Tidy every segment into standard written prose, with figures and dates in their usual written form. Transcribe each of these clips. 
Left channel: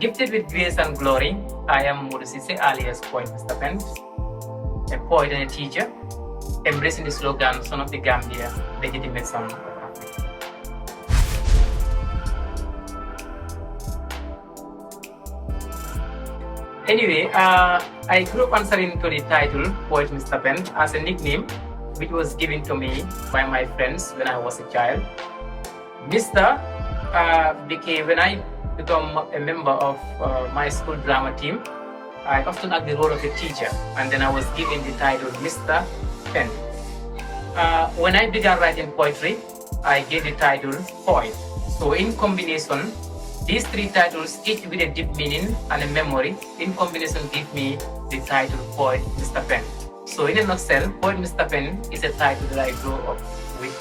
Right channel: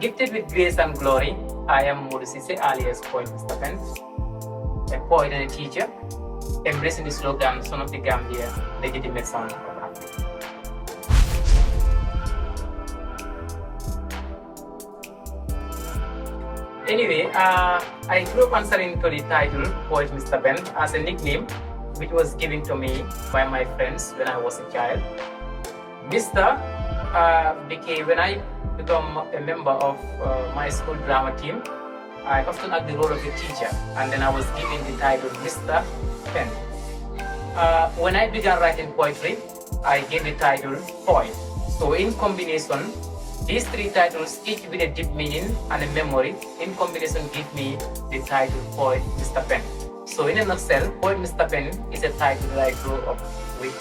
Gifted with grace and glory, I am Modusise alias Poet Mr. Pen, a poet and a teacher, embracing the slogan, Son of the Gambia, legitimate son of Africa. Anyway, I grew up answering to the title Poet Mr. Pen as a nickname which was given to me by my friends when I was a child. Mr. became, when I became a member of my school drama team, I often had the role of a teacher, and then I was given the title Mr. Pen. When I began writing poetry, I gave the title Poet. So in combination, these three titles, each with a deep meaning and a memory, in combination give me the title Poet Mr. Pen. So in a nutshell, Poet Mr. Pen is a title that I grew up with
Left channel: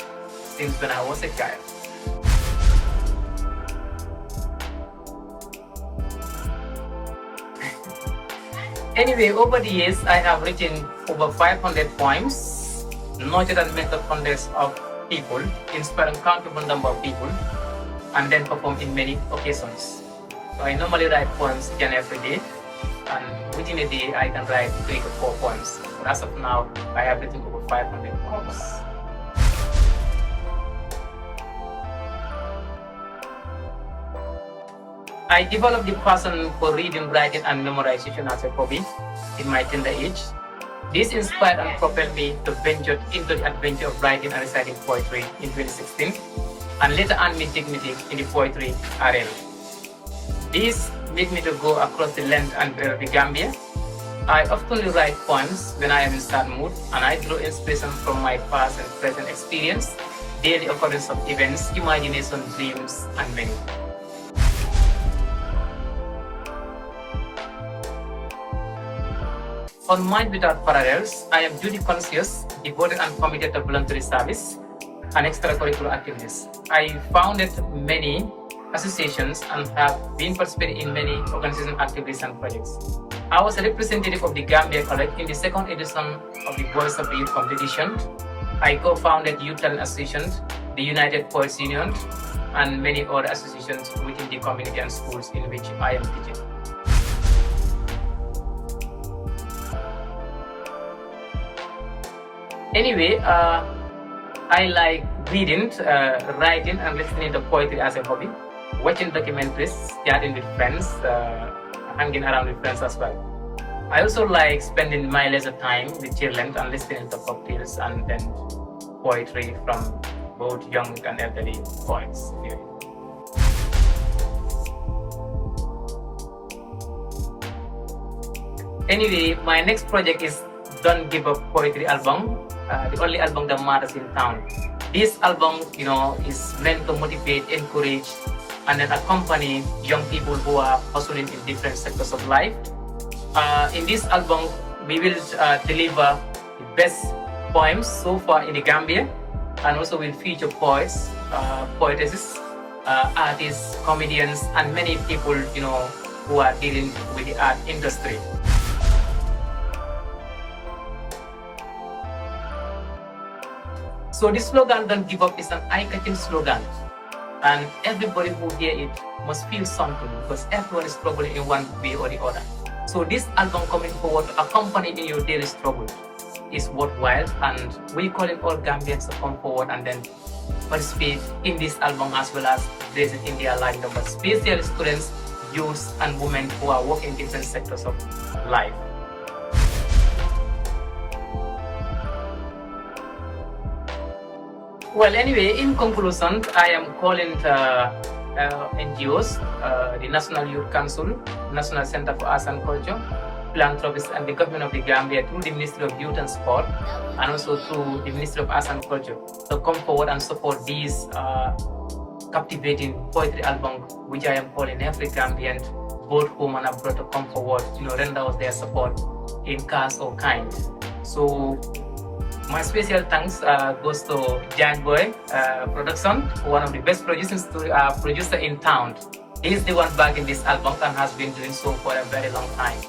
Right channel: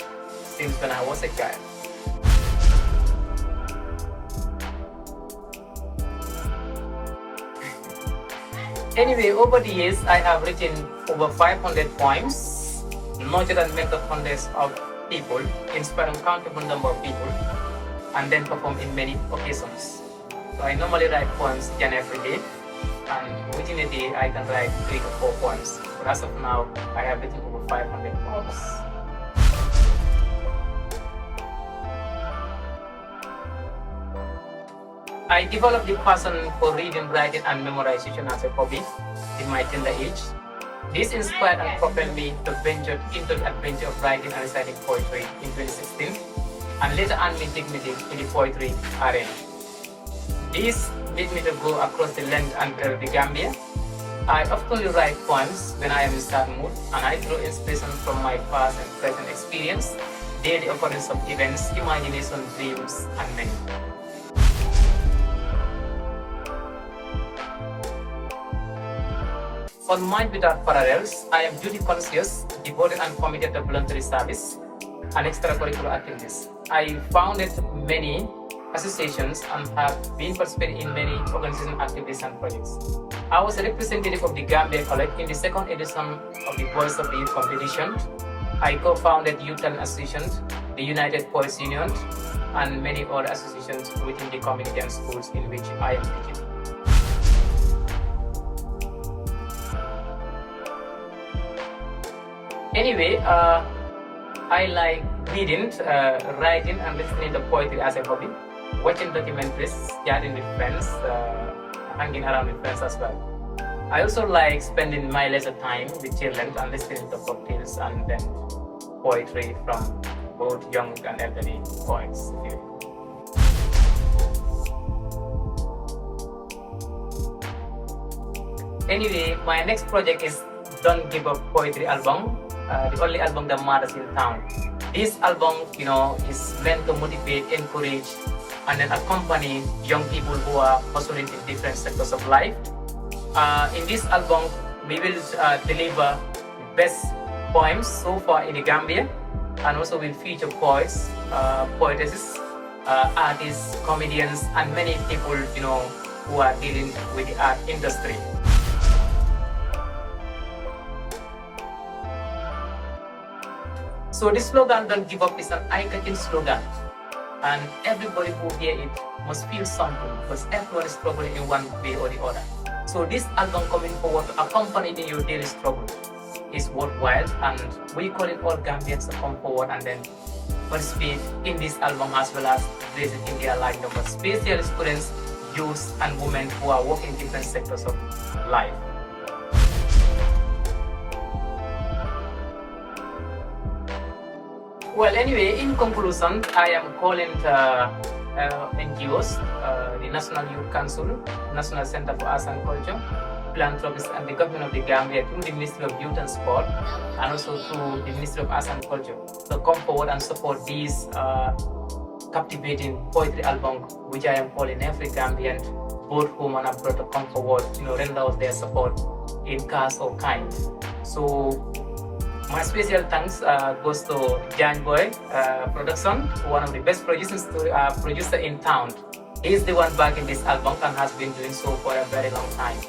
since when I was a child. Anyway, over the years, I have written over 500 poems, nurtured and mentored hundreds of people, inspired uncountable number of people, and then performed in many occasions. So I normally write poems each and every day, and within a day, I can write 3 to 4 poems. But as of now, I have written over 500 poems. I developed the passion for reading, writing, and memorization as a hobby in my tender age. This inspired and propelled me to venture into the adventure of writing and reciting poetry in 2016, and later earned me dignity in the poetry arena. This made me to go across the land and breadth of the Gambia. I often write poems when I am in sad mood, and I draw inspiration from my past and present experience, daily occurrence of events, imagination, dreams, and many. On Mind Without Parallels, I am duty conscious, devoted and committed to voluntary service and extracurricular activities. I founded many associations and have been participating in many organizational activities and projects. I was a representative of the Gambia College in the second edition of the Voice of the Youth competition. I co-founded Youth Talent Association, the United Poets Union, and many other associations within the community and schools in which I am teaching. Anyway, I like reading, writing, and listening to poetry as a hobby, watching documentaries, chatting with friends, hanging around with friends as well. I also like spending my leisure time with children and listening to cocktails and then poetry from both young and elderly poets. Anyway, my next project is Don't Give Up Poetry album. The only album that matters in town. This album, is meant to motivate, encourage, and then accompany young people who are hustling in different sectors of life. In this album, we will deliver the best poems so far in the Gambia, and also will feature poets, poetesses, artists, comedians, and many people, who are dealing with the art industry. So this slogan, Don't Give Up, is an eye-catching slogan, and everybody who hear it must feel something, because everyone is struggling in one way or the other. So this album coming forward to accompany in your daily struggle is worthwhile, and we call it all Gambians to come forward and then participate in this album, as well as raise it in their line number, especially students, youths, and women who are working in different sectors of life. Well, anyway, in conclusion, I am calling NGOs, the National Youth Council, National Center for Arts and Culture, philanthropists, and the government of the Gambia through the Ministry of Youth and Sport, and also through the Ministry of Arts and Culture, to come forward and support these captivating poetry album, which I am calling every Gambian, both home and abroad, to come forward, render us their support in cash or kind. So my special thanks goes to Giant Boy Production, one of the best producer in town. He is the one back in this album and has been doing so for a very long time.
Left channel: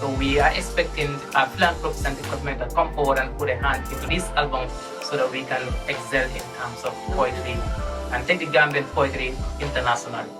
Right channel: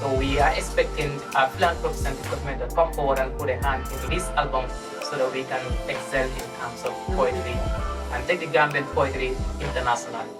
So we are expecting our philanthropists and the government to come forward and put a hand into this album so that we can excel in terms of poetry and take the Gambian poetry internationally.